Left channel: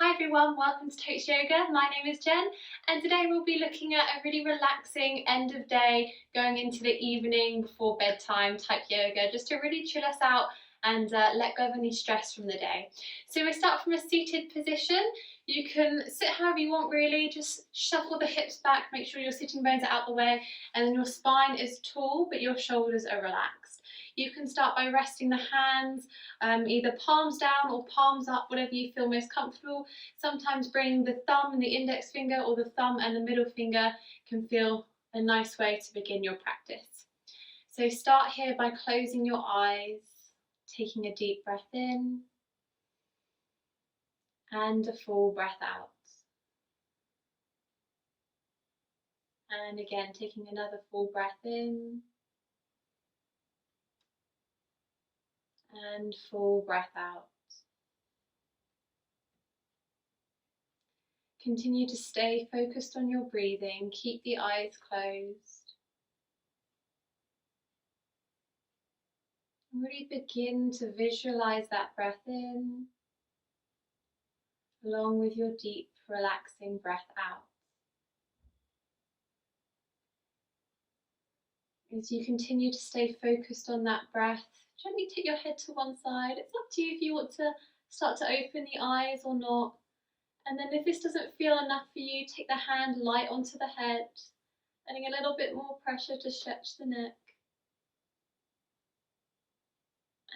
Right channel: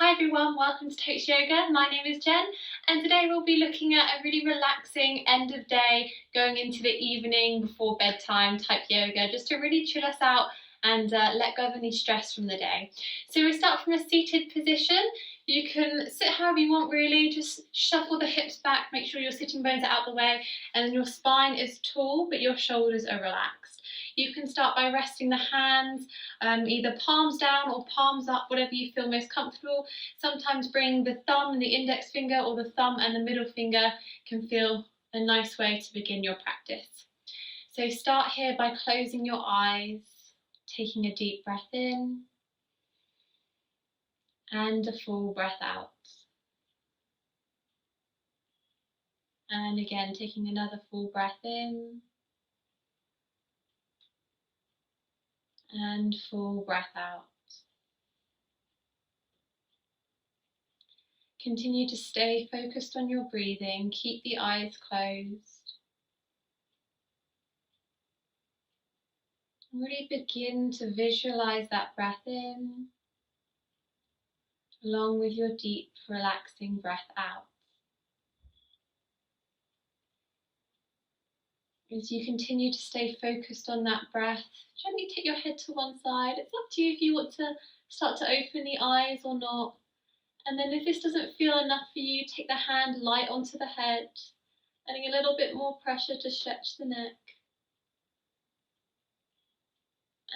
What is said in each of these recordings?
Hi everyone, welcome to Totes Yoga. My name is Jen, and today we'll be looking at a really relaxing end of day, going into the evening before bedtime type yoga, just to really chill us out and let go of any stress from the day. So we start from a seated position. You can sit however you want really, just shuffle the hips back, make sure your sitting bones are out the way, and then your spine is tall but your shoulders are relaxed. You can start by resting the hands either palms down or palms up, whatever you feel most comfortable. Sometimes bring the thumb and the index finger, or the thumb and the middle finger can feel a nice way to begin your practice. So start here by closing your eyes, taking a deep breath in and a full breath out. And again, taking another full breath in and full breath out. Continue to stay focused on your breathing. Keep the eyes closed. Really begin to visualize that breath in, along with your deep, relaxing breath out. As you continue to stay focused on that breath, gently take your head to one side. It's up to you if you want to start to open the eyes or not. And then if this doesn't feel enough for you, take the hand light onto the head, adding a little bit more pressure to stretch the neck.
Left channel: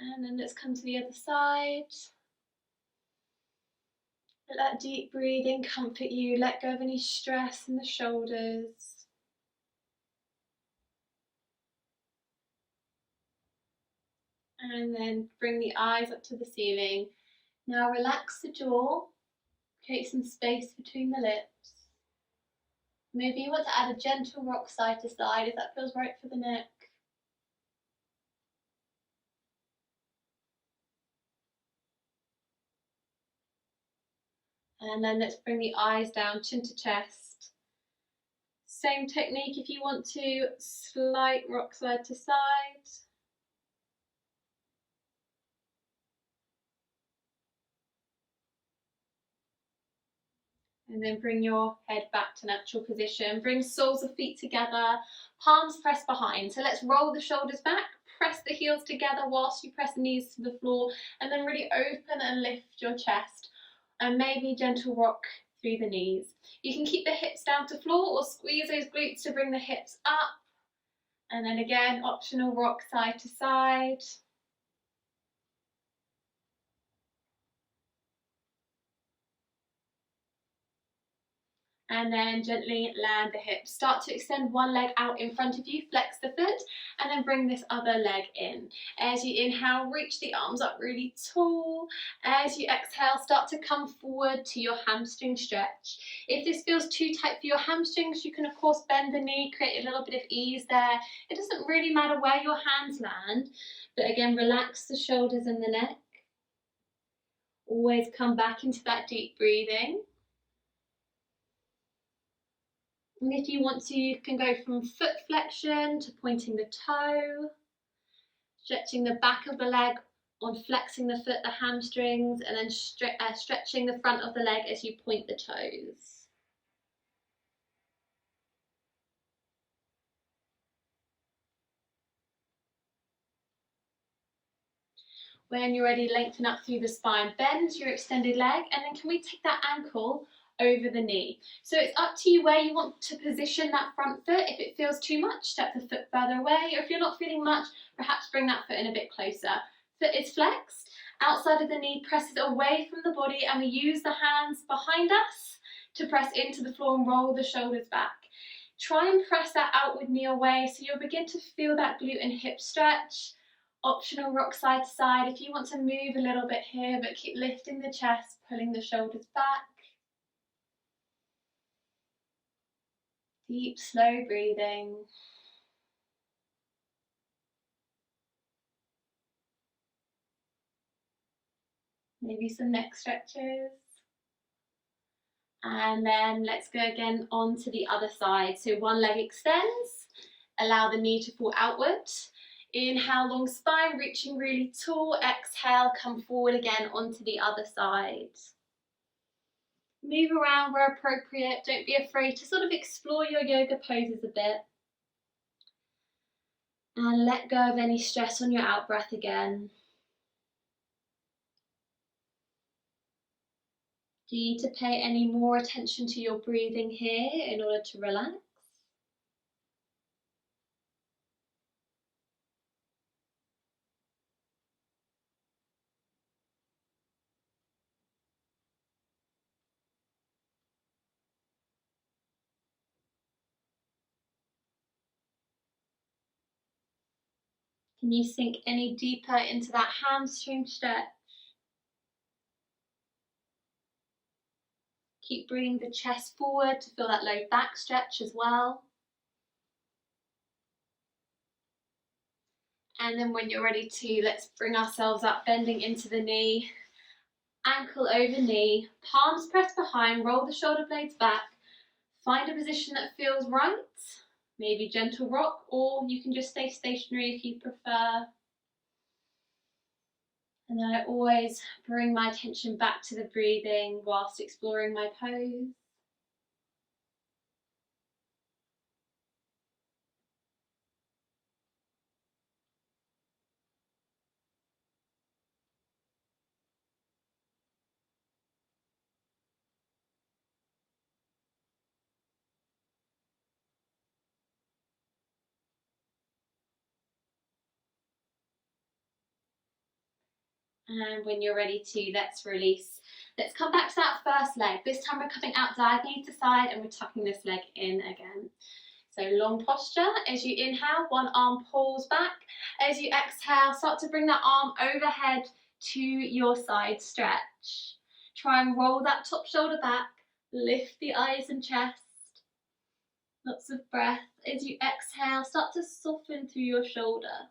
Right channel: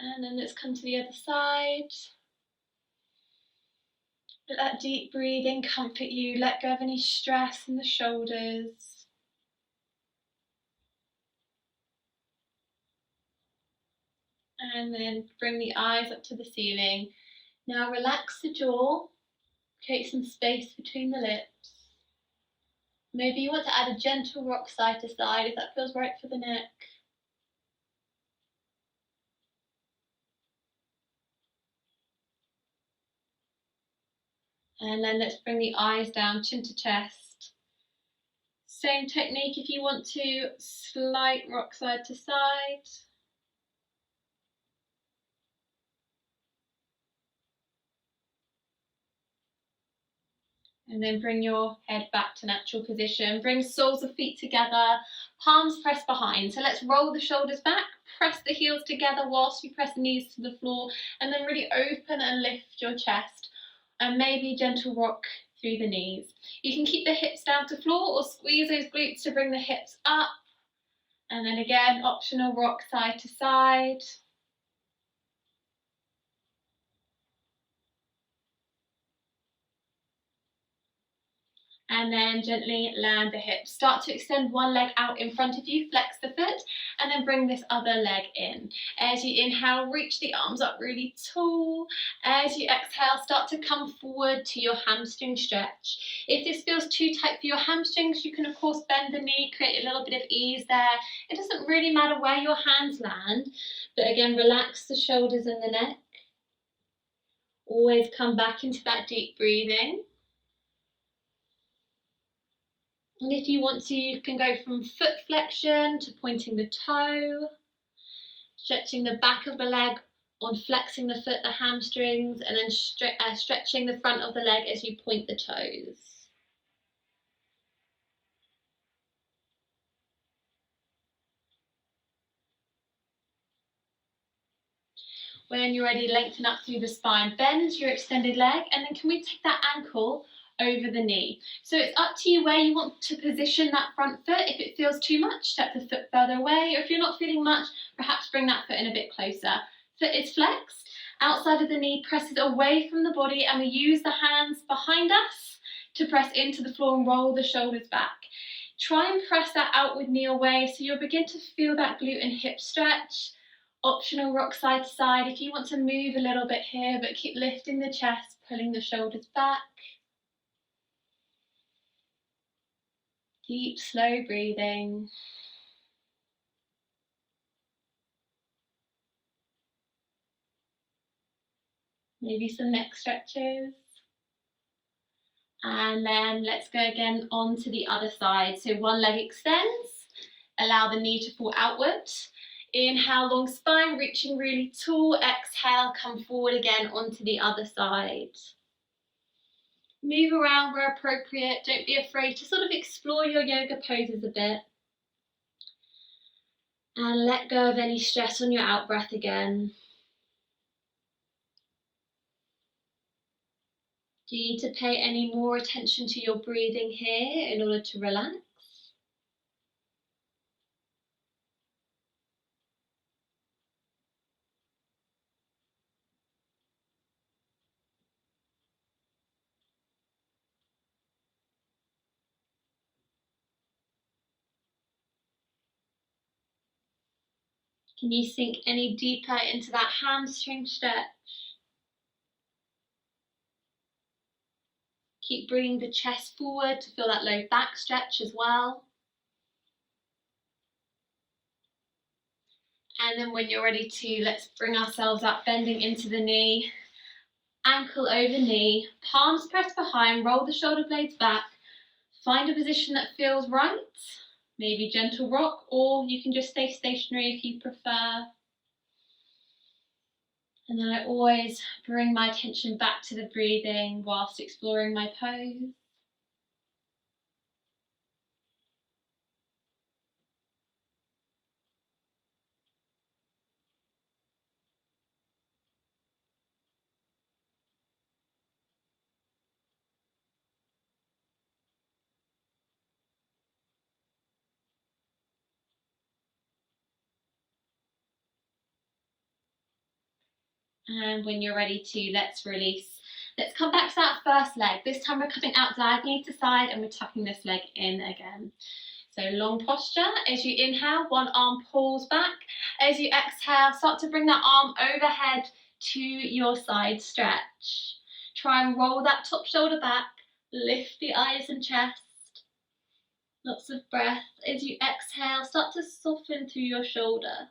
And then let's come to the other side. Let that deep breathing comfort you. Let go of any stress in the shoulders. And then bring the eyes up to the ceiling. Now relax the jaw. Create some space between the lips. Maybe you want to add a gentle rock side to side if that feels right for the neck. And then let's bring the eyes down, chin to chest. Same technique if you want to, slight rock side to side. And then bring your head back to natural position. Bring soles of feet together, palms press behind. So let's roll the shoulders back, press the heels together whilst you press the knees to the floor, and then really open and lift your chest. And maybe gentle rock through the knees. You can keep the hips down to floor or squeeze those glutes to bring the hips up. And then again, optional rock side to side. And then gently land the hips. Start to extend one leg out in front of you, flex the foot, and then bring this other leg in. As you inhale, reach the arms up really tall. As you exhale, start to come forward to your hamstring stretch. If this feels too tight for your hamstrings, you can of course bend the knee, create a little bit of ease there. It doesn't really matter where your hands land, but again, relax the shoulders and the neck. Always come back into that deep breathing. And if you want to, you can go from foot flexion to pointing the toe, stretching the back of the leg on flexing the foot, the hamstrings, and then stretching the front of the leg as you point the toes. When you're ready, lengthen up through the spine, bend your extended leg, and then can we take that ankle over the knee? So it's up to you where you want to position that front foot. If it feels too much, step the foot further away, or if you're not feeling much, perhaps bring that foot in a bit closer. Foot is flexed, outside of the knee presses away from the body, and we use the hands behind us to press into the floor and roll the shoulders back. Try and press that outward knee away so you'll begin to feel that glute and hip stretch. Optional rock side to side if you want to move a little bit here, but keep lifting the chest, pulling the shoulders back. Deep, slow breathing. Maybe some neck stretches. And then let's go again on to the other side. So one leg extends, allow the knee to fall outward. Inhale, long spine, reaching really tall. Exhale, come forward again onto the other side. Move around where appropriate. Don't be afraid to sort of explore your yoga poses a bit. And let go of any stress on your out breath again. Do you need to pay any more attention to your breathing here in order to relax? Can you sink any deeper into that hamstring stretch? Keep bringing the chest forward to feel that low back stretch as well. And then when you're ready to, let's bring ourselves up, bending into the knee, ankle over knee, palms pressed behind, roll the shoulder blades back, find a position that feels right, maybe gentle rock, or you can just stay stationary if you prefer. And then I always bring my attention back to the breathing whilst exploring my pose. And when you're ready to, let's release. Let's come back to that first leg. This time we're coming out diagonally to side and we're tucking this leg in again. So long posture. As you inhale, one arm pulls back. As you exhale, start to bring that arm overhead to your side stretch. Try and roll that top shoulder back. Lift the eyes and chest. Lots of breath. As you exhale, start to soften through your shoulder.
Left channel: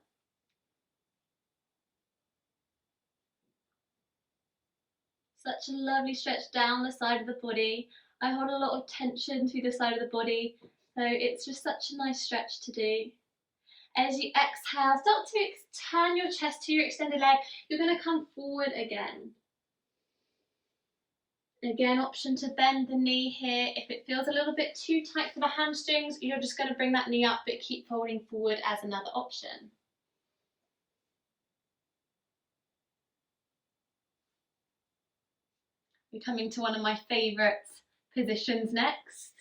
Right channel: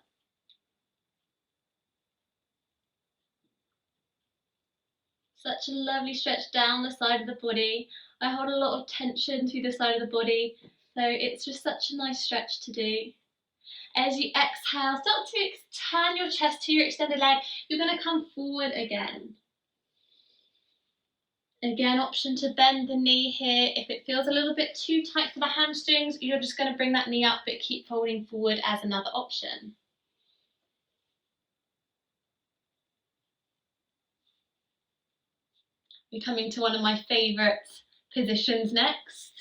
Such a lovely stretch down the side of the body. I hold a lot of tension through the side of the body, so it's just such a nice stretch to do. As you exhale, start to turn your chest to your extended leg. You're going to come forward again. Again, option to bend the knee here. If it feels a little bit too tight for the hamstrings, you're just going to bring that knee up, but keep folding forward as another option. We're coming to one of my favourite positions next.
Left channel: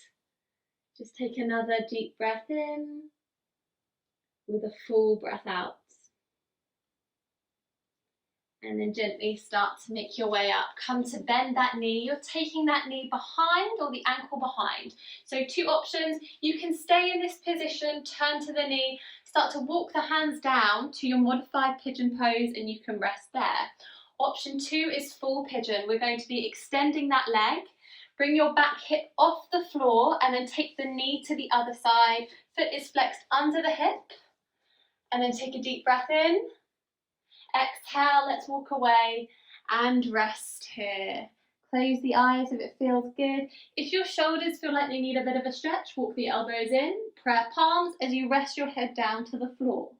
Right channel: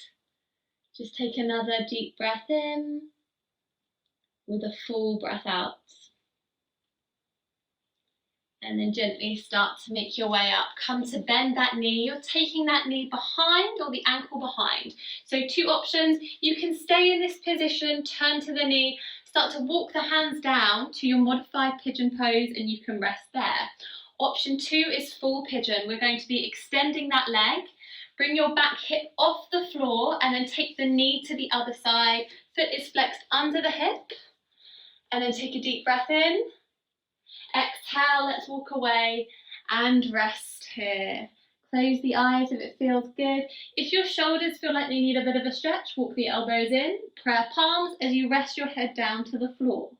Just take another deep breath in with a full breath out. And then gently start to make your way up. Come to bend that knee. You're taking that knee behind or the ankle behind. So two options. You can stay in this position, turn to the knee, start to walk the hands down to your modified pigeon pose and you can rest there. Option two is full pigeon. We're going to be extending that leg. Bring your back hip off the floor and then take the knee to the other side. Foot is flexed under the hip. And then take a deep breath in. Exhale, let's walk away and rest here. Close the eyes if it feels good. If your shoulders feel like they need a bit of a stretch, walk the elbows in. Prayer palms as you rest your head down to the floor.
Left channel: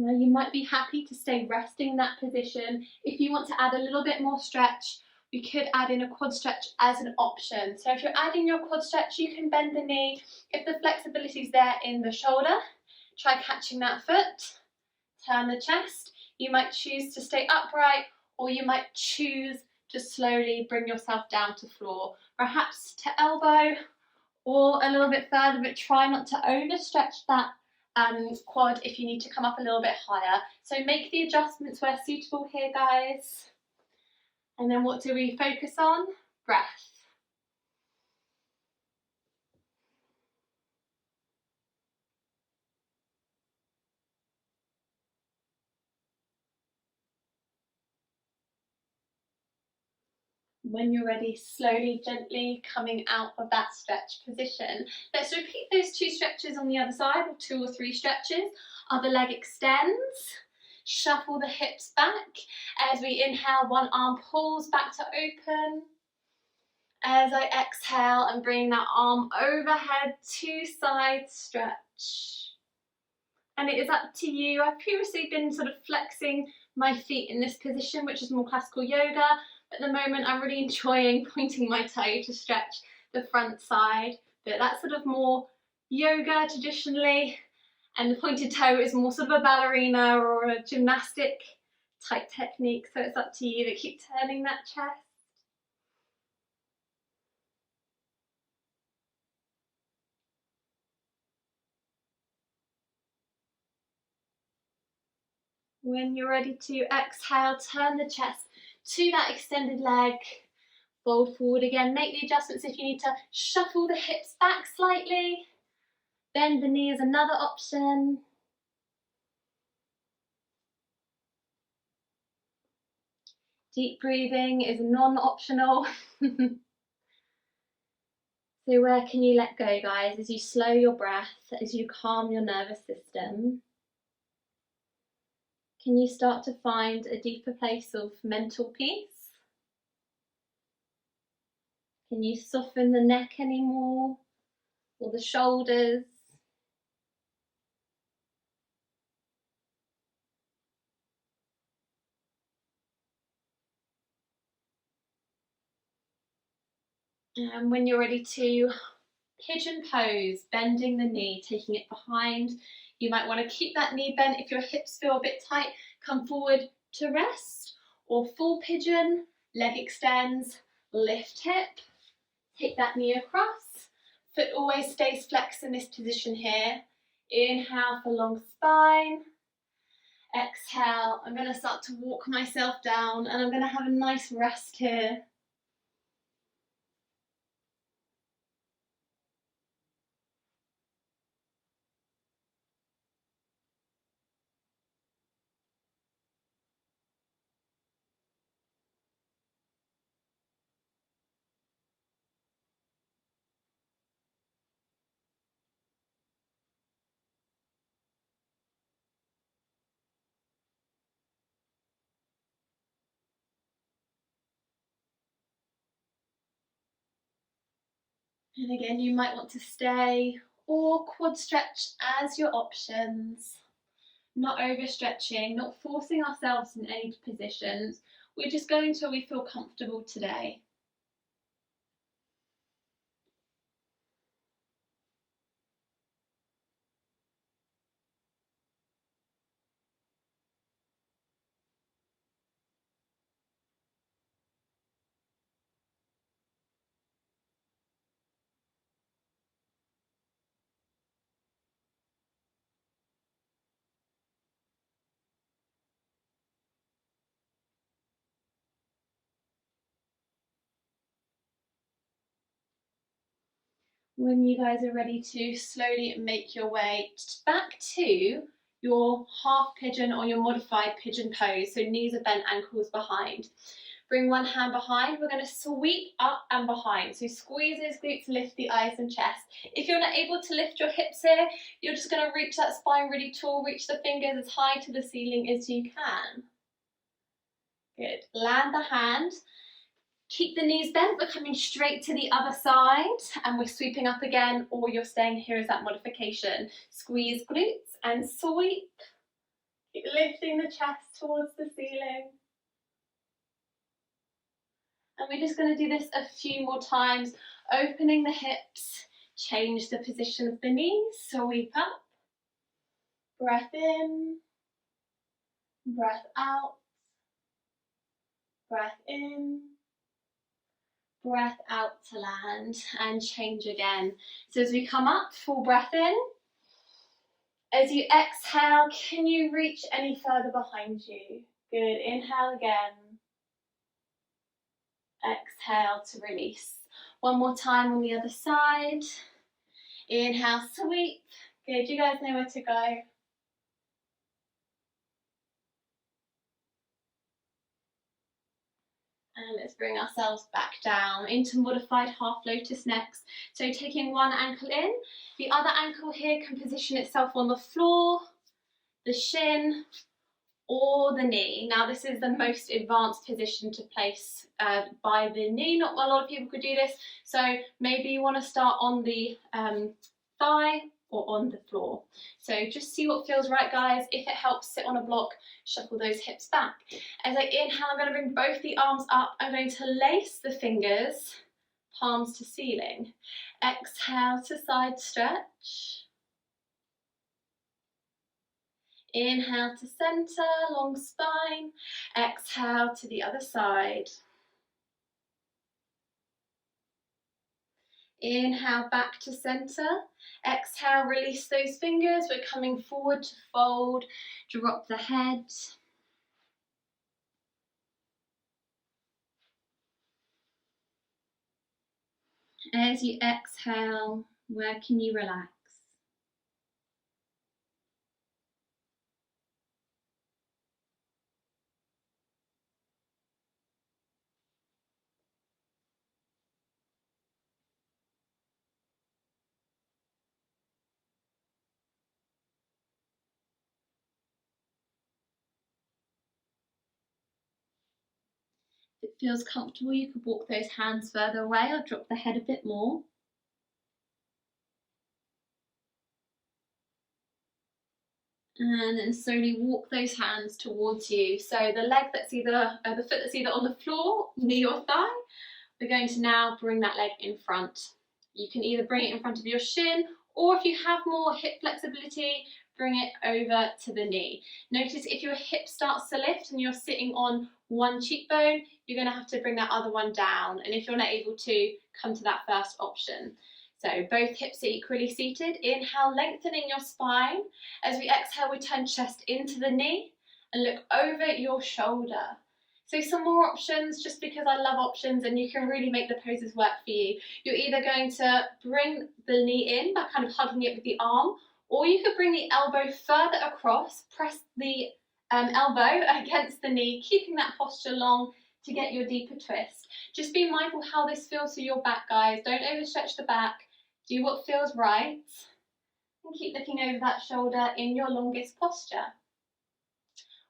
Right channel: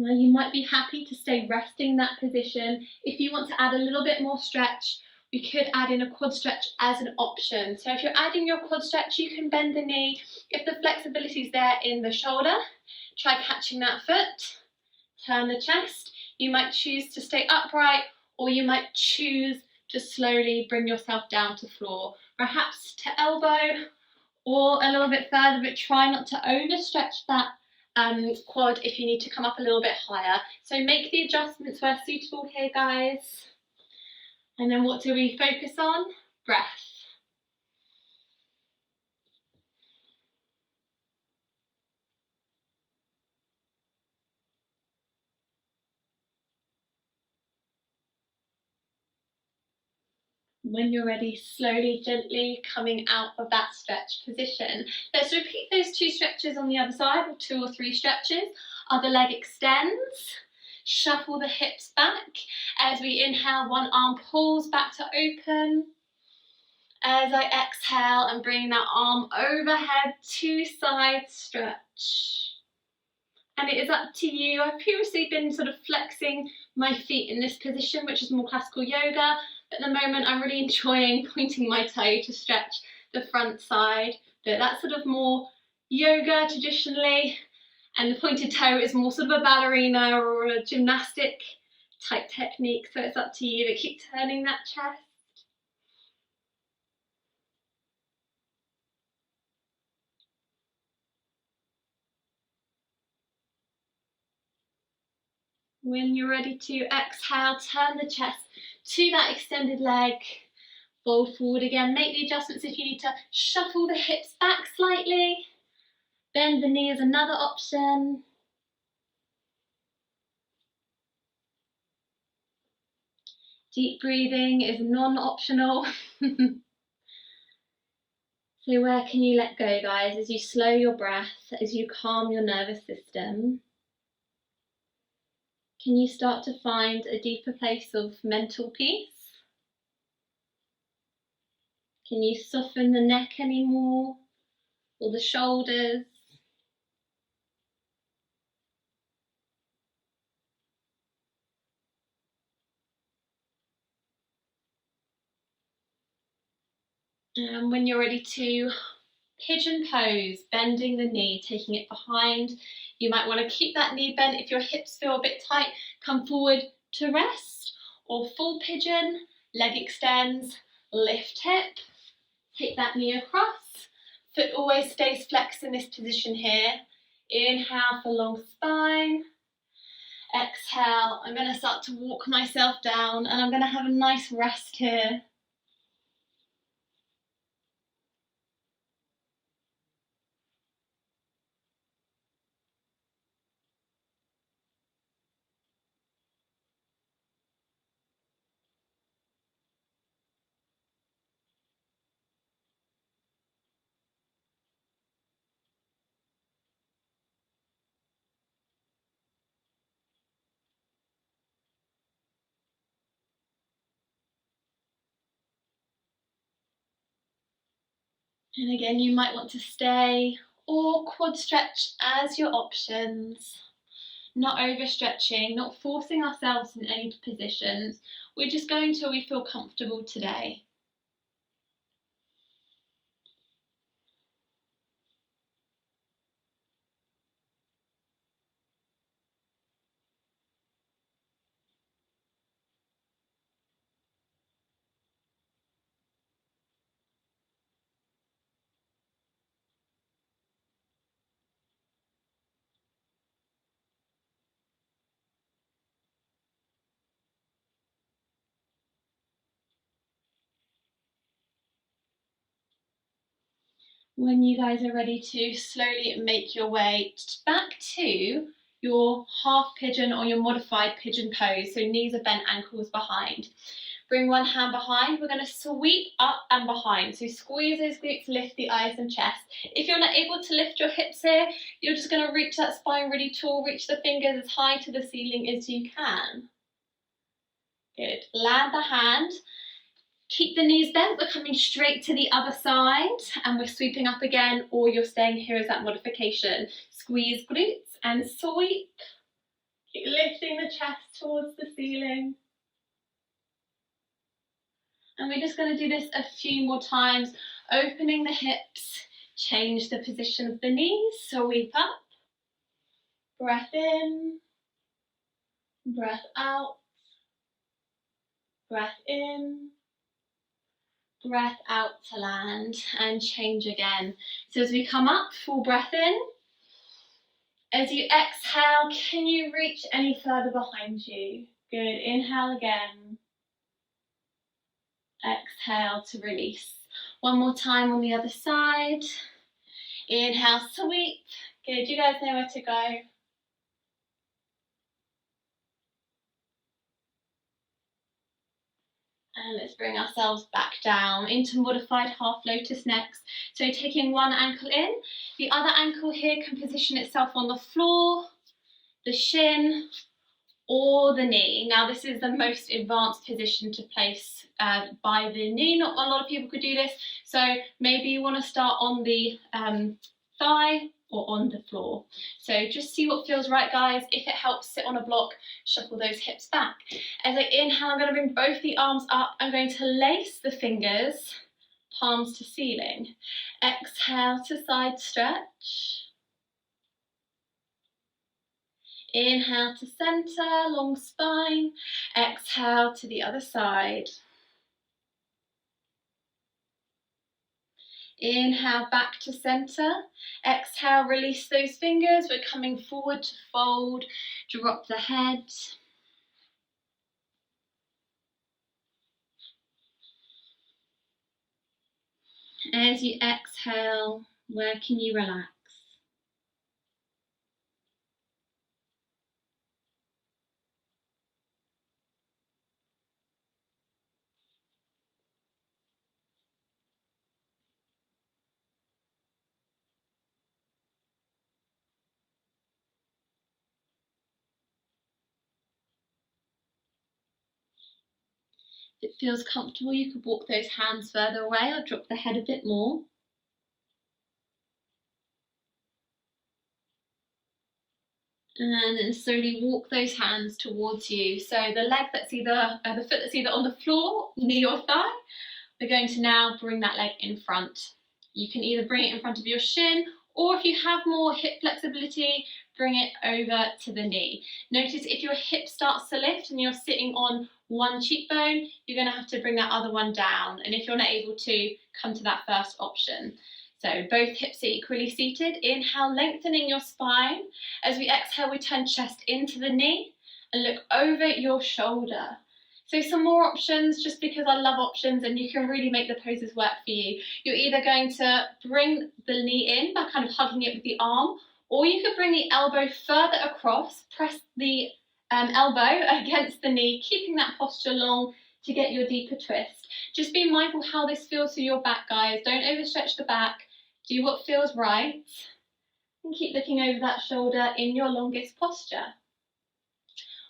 Now you might be happy to stay resting in that position. If you want to add a little bit more stretch, we could add in a quad stretch as an option. So if you're adding your quad stretch, you can bend the knee. If the flexibility is there in the shoulder, try catching that foot, turn the chest. You might choose to stay upright or you might choose to slowly bring yourself down to floor, perhaps to elbow or a little bit further, but try not to overstretch that quad if you need to come up a little bit higher. So make the adjustments where suitable here, guys. And then what do we focus on? Breath. When you're ready, slowly, gently coming out of that stretch position. Let's repeat those two stretches on the other side, or two or three stretches. Other leg extends. shuffle the hips back. As we inhale, one arm pulls back to open. As I exhale and bring that arm overhead to side stretch. And it is up to you. I've previously been sort of flexing my feet in this position, which is more classical yoga. But at the moment, I'm really enjoying pointing my toe to stretch the front side. But that's sort of more yoga traditionally. And the pointed toe is more sort of a ballerina or a gymnastic type technique. So it's up to you to keep turning that chest. When you're ready to exhale, turn the chest to that extended leg. Fold forward again. Make the adjustments if you need to shuffle the hips back slightly. Bend the knee is another option. Deep breathing is non-optional. So where can you let go, guys, as you slow your breath, as you calm your nervous system? Can you start to find a deeper place of mental peace? Can you soften the neck anymore, or the shoulders? And when you're ready to pigeon pose, bending the knee, taking it behind. You might want to keep that knee bent. If your hips feel a bit tight, come forward to rest. Or full pigeon, leg extends, lift hip, take that knee across. Foot always stays flexed in this position here. Inhale for long spine. Exhale, I'm going to start to walk myself down and I'm going to have a nice rest here. And again, you might want to stay or quad stretch as your options. Not overstretching, not forcing ourselves in any positions. We're just going till we feel comfortable today. When you guys are ready to slowly make your way back to your half pigeon or your modified pigeon pose, so knees are bent, ankles behind. Bring one hand behind. We're going to sweep up and behind. So squeeze those glutes, lift the eyes and chest. If you're not able to lift your hips here, you're just going to reach that spine really tall, reach the fingers as high to the ceiling as you can. Good. Land the hand. Keep the knees bent, we're coming straight to the other side and we're sweeping up again, or you're staying here as that modification. Squeeze glutes and sweep. Keep lifting the chest towards the ceiling. And we're just going to do this a few more times, opening the hips, change the position of the knees, sweep up. Breath in, breath out, breath in, breath out to land, and change again. So as we come up, full breath in. As you exhale, can you reach any further behind you? Good, inhale again. Exhale to release. One more time on the other side. Inhale, sweep. Good, you guys know where to go. And let's bring ourselves back down into modified half lotus next. So taking one ankle in, the other ankle here can position itself on the floor, the shin, or the knee. Now this is the most advanced position to place by the knee. Not a lot of people could do this, so maybe you want to start on the thigh or on the floor. So just see what feels right, guys. If it helps, sit on a block, shuffle those hips back. As I inhale, I'm going to bring both the arms up. I'm going to lace the fingers, palms to ceiling. Exhale to side stretch. Inhale to center, long spine. Exhale to the other side. Inhale back to center. Exhale, release those fingers. We're coming forward to fold. Drop the head. As you exhale, where can you relax? If it feels comfortable, you could walk those hands further away or drop the head a bit more. And then slowly walk those hands towards you. So the leg that's either, the foot that's either on the floor, knee or thigh, we're going to now bring that leg in front. You can either bring it in front of your shin, or if you have more hip flexibility, bring it over to the knee. Notice if your hip starts to lift and you're sitting on one cheekbone, you're going to have to bring that other one down. And if you're not able to, come to that first option. So both hips are equally seated. Inhale, lengthening your spine. As we exhale, we turn chest into the knee and look over your shoulder. So some more options, just because I love options and you can really make the poses work for you. You're either going to bring the knee in by kind of hugging it with the arm, or you could bring the elbow further across, press the elbow against the knee, keeping that posture long to get your deeper twist. Just be mindful how this feels to your back, guys. Don't overstretch the back. Do what feels right. And keep looking over that shoulder in your longest posture.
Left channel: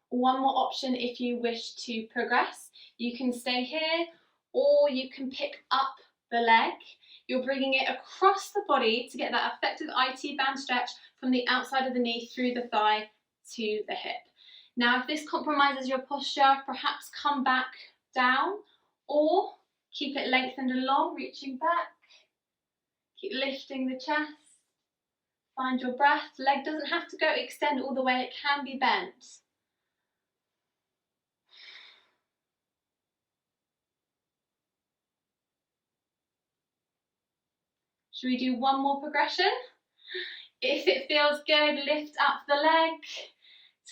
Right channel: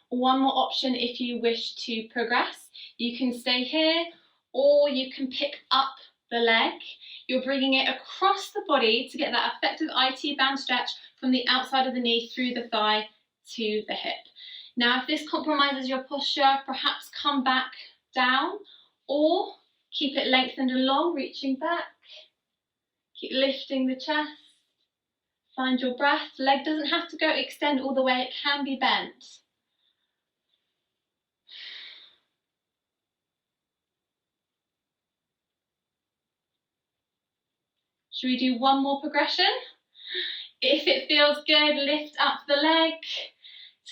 One more option if you wish to progress. You can stay here, or you can pick up the leg. You're bringing it across the body to get that effective IT band stretch from the outside of the knee through the thigh to the hip. Now, if this compromises your posture, perhaps come back down, or keep it lengthened and long, reaching back. Keep lifting the chest. Find your breath. Leg doesn't have to go extend all the way. It can be bent. Should we do one more progression? If it feels good, lift up the leg.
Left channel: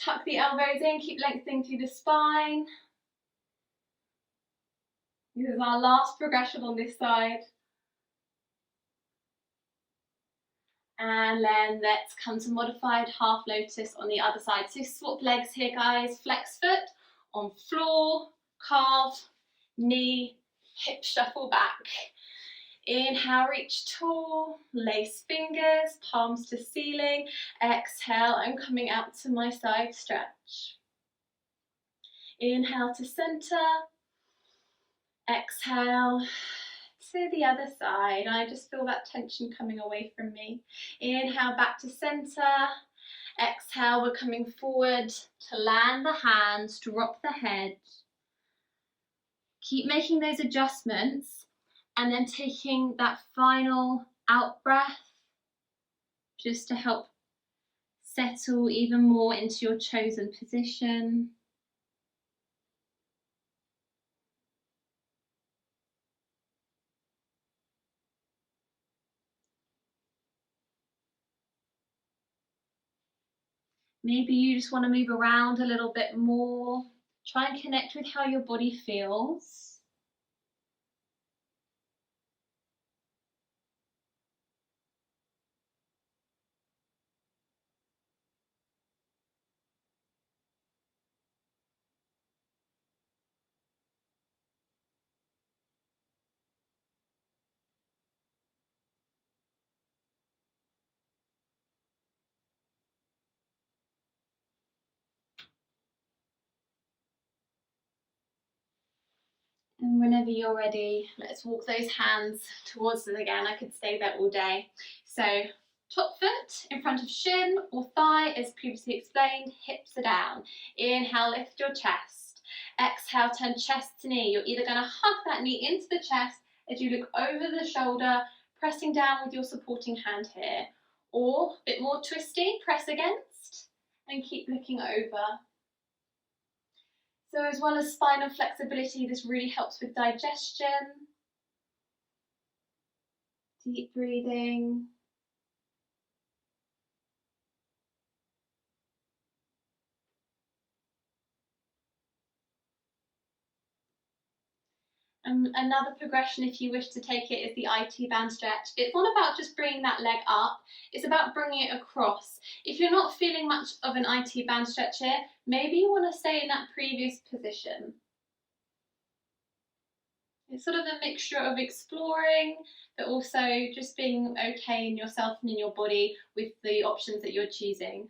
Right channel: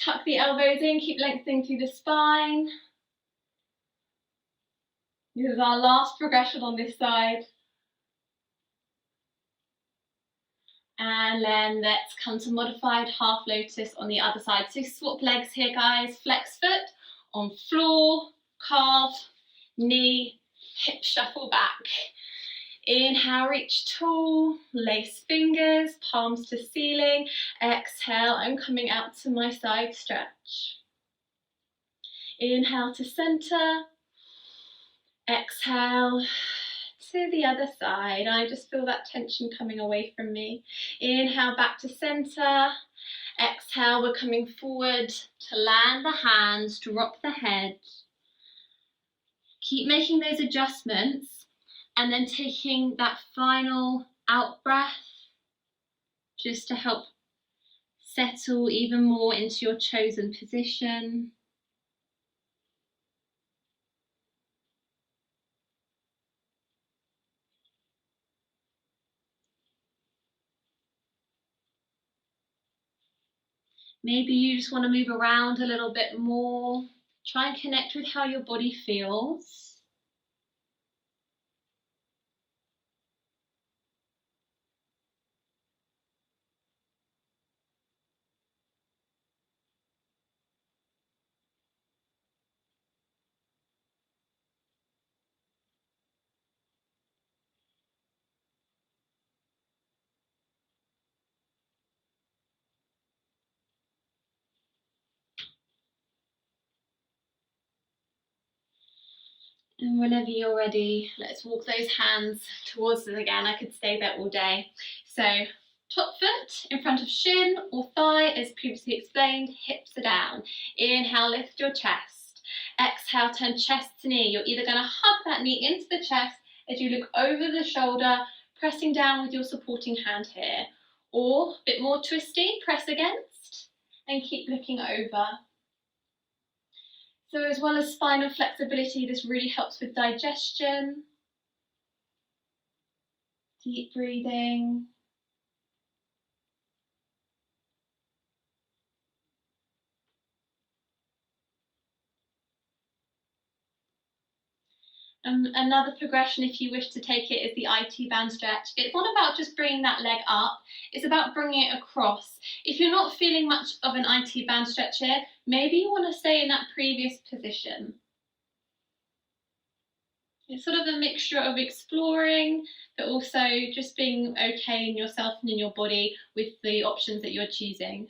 Tuck the elbows in. Keep lengthening through the spine. This is our last progression on this side. And then let's come to modified half lotus on the other side. So swap legs here, guys. Flex foot on floor, calf, knee, hip shuffle back. Inhale, reach tall, lace fingers, palms to ceiling. Exhale, I'm coming out to my side stretch. Inhale to center. Exhale to the other side. I just feel that tension coming away from me. Inhale back to center. Exhale, we're coming forward to land the hands, drop the head. Keep making those adjustments and then taking that final out breath just to help settle even more into your chosen position. Maybe you just want to move around a little bit more. Try and connect with how your body feels. And whenever you're ready, let's walk those hands towards us again. I could stay there all day. So top foot in front of shin or thigh, as previously explained, hips are down. Inhale, lift your chest. Exhale, turn chest to knee. You're either going to hug that knee into the chest as you look over the shoulder, pressing down with your supporting hand here. Or, a bit more twisty, press against and keep looking over. So as well as spinal flexibility, this really helps with digestion. Deep breathing. Another progression, if you wish to take it, is the IT band stretch. It's not about just bringing that leg up, it's about bringing it across. If you're not feeling much of an IT band stretch here, maybe you want to stay in that previous position. It's sort of a mixture of exploring, but also just being okay in yourself and in your body with the options that you're choosing.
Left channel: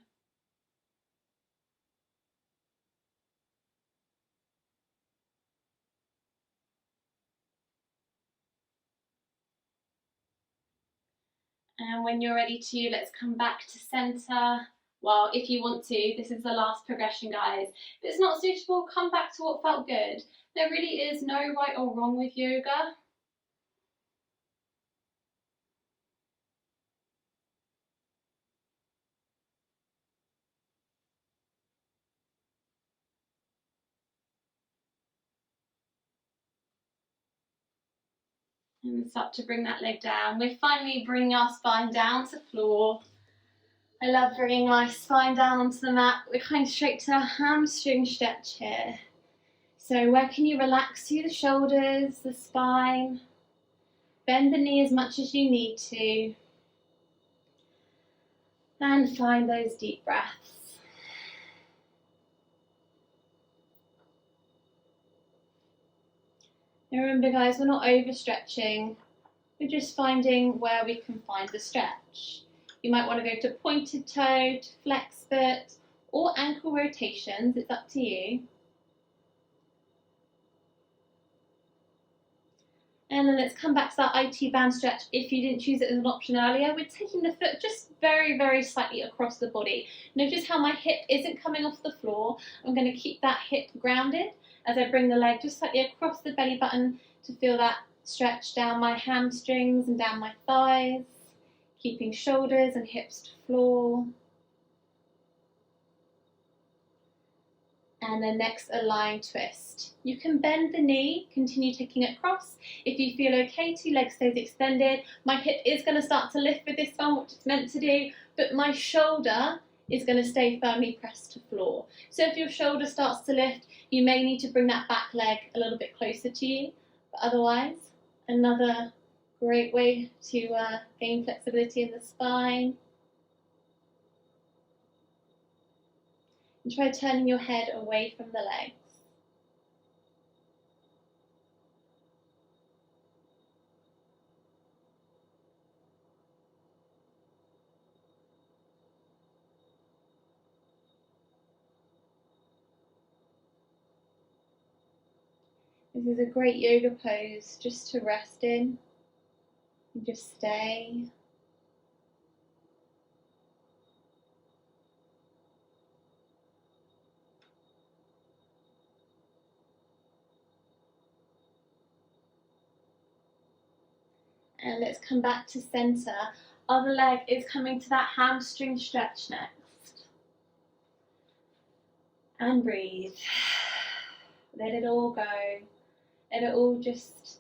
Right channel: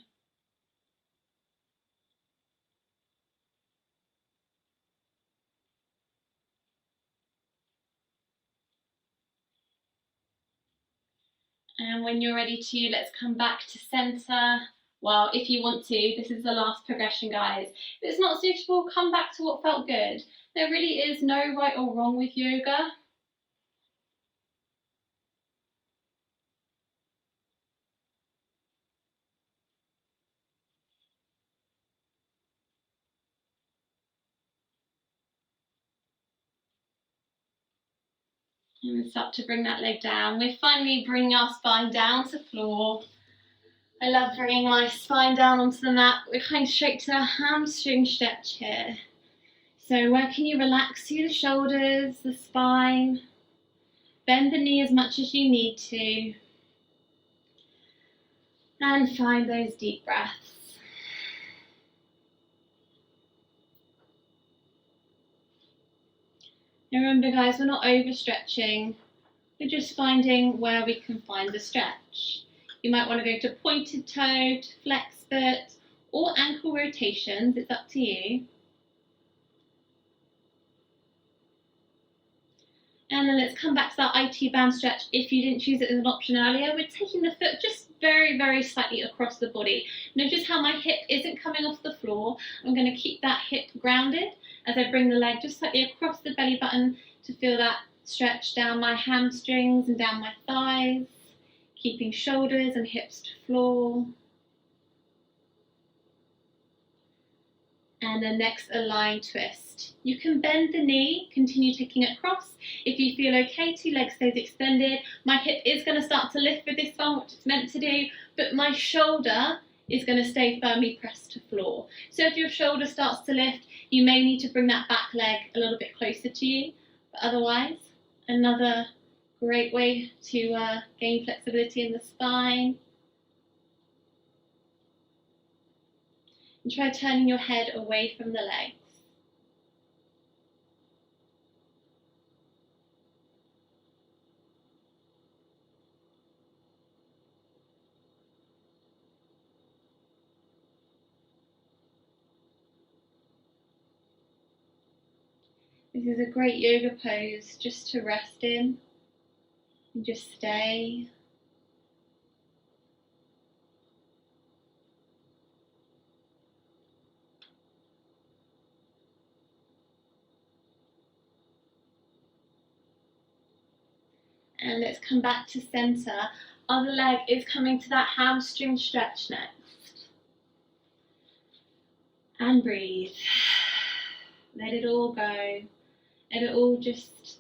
And when you're ready to, let's come back to center. Well, if you want to, this is the last progression, guys. If it's not suitable, come back to what felt good. There really is no right or wrong with yoga. And start to bring that leg down. We're finally bringing our spine down to floor. I love bringing my spine down onto the mat. We're kind of straight to a hamstring stretch here. So where can you relax through the shoulders, the spine? Bend the knee as much as you need to. And find those deep breaths. And remember, guys, we're not overstretching. We're just finding where we can find the stretch. You might want to go to pointed toe, to flex foot, or ankle rotations. It's up to you. And then let's come back to that IT band stretch. If you didn't choose it as an option earlier, we're taking the foot just very, very slightly across the body. Notice how my hip isn't coming off the floor. I'm going to keep that hip grounded as I bring the leg just slightly across the belly button to feel that stretch down my hamstrings and down my thighs, keeping shoulders and hips to floor. And then next, a lying twist. You can bend the knee, continue taking it across. If you feel okay, two legs stays extended. My hip is going to start to lift with this one, which it's meant to do, but my shoulder is going to stay firmly pressed to floor. So if your shoulder starts to lift, you may need to bring that back leg a little bit closer to you. But otherwise, another great way to gain flexibility in the spine. And try turning your head away from the legs. This is a great yoga pose just to rest in and just stay. And let's come back to center. Other leg is coming to that hamstring stretch next. And breathe. Let it all go. Let it all just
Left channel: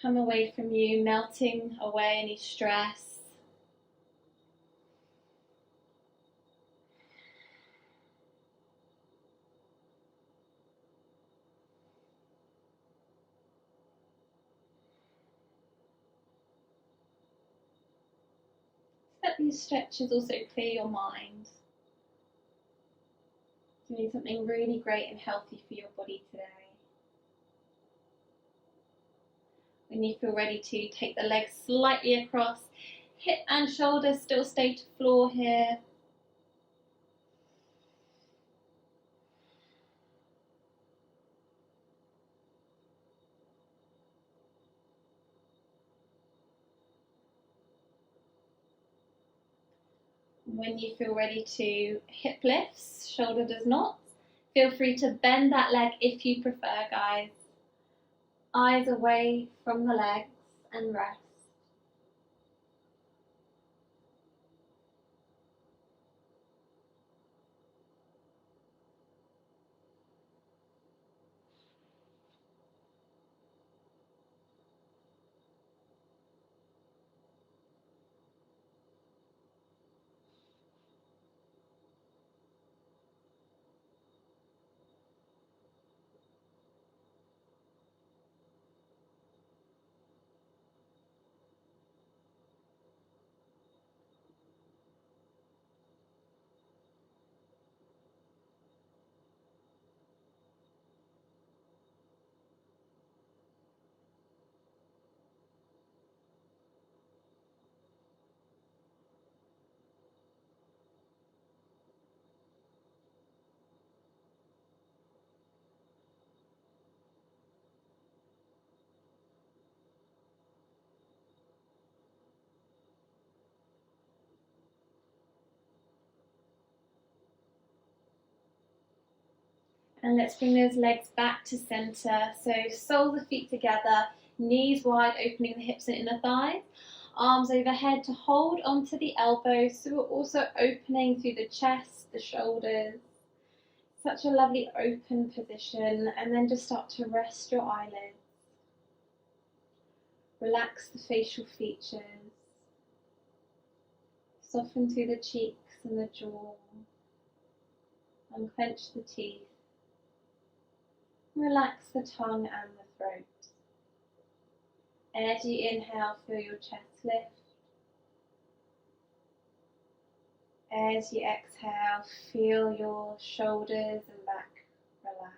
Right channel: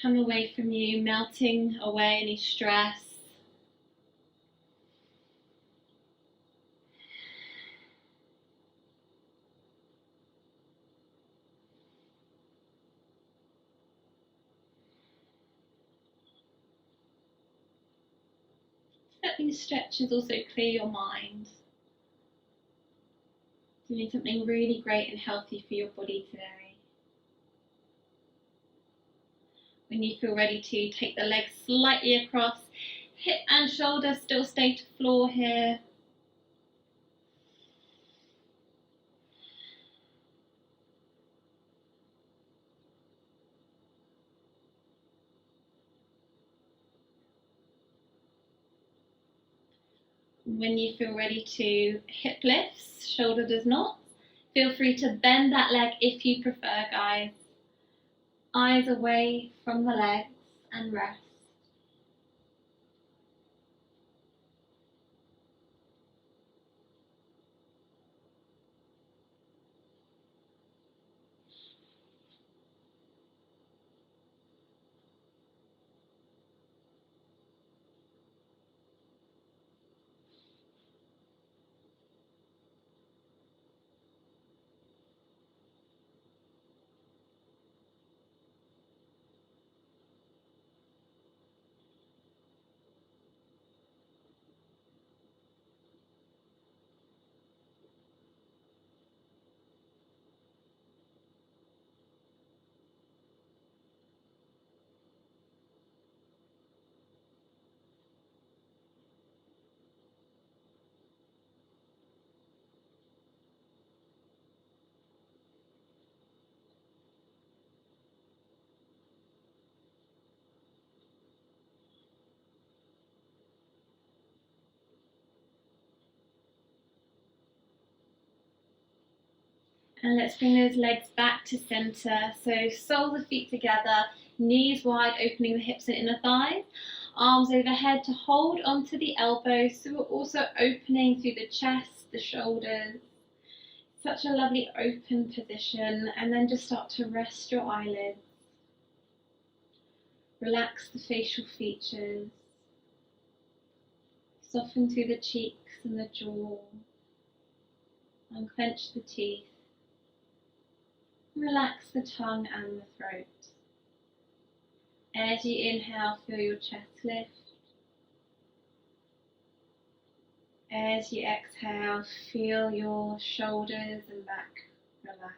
come away from you, melting away any stress. Let these stretches also clear your mind. Doing something really great and healthy for your body today. When you feel ready to, take the legs slightly across. Hip and shoulder still stay to floor here. When you feel ready to hip lifts, shoulder does not, feel free to bend that leg if you prefer, guys. Eyes away from the legs and rest. And let's bring those legs back to center. So soles of feet together, knees wide, opening the hips and inner thighs. Arms overhead to hold onto the elbows. So we're also opening through the chest, the shoulders. Such a lovely open position. And then just start to rest your eyelids. Relax the facial features. Soften through the cheeks and the jaw. Unclench the teeth. Relax the tongue and the throat. As you inhale, feel your chest lift. As you exhale, feel your shoulders and back relax.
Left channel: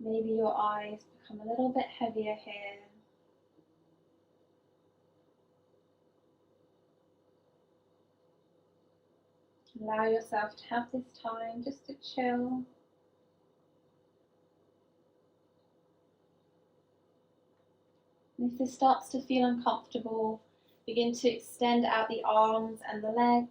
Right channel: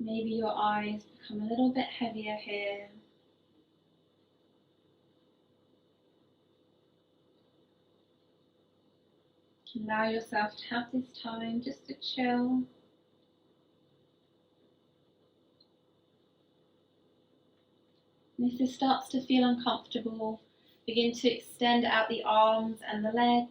Maybe your eyes become a little bit heavier here. Allow yourself to have this time just to chill. And if this starts to feel uncomfortable, begin to extend out the arms and the legs.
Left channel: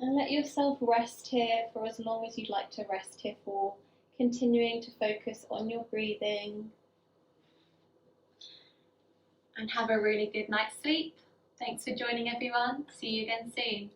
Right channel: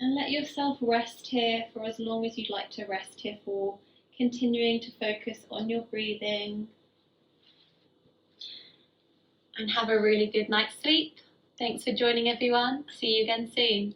And let yourself rest here for as long as you'd like to rest here for, continuing to focus on your breathing. And have a really good night's sleep. Thanks for joining, everyone. See you again soon.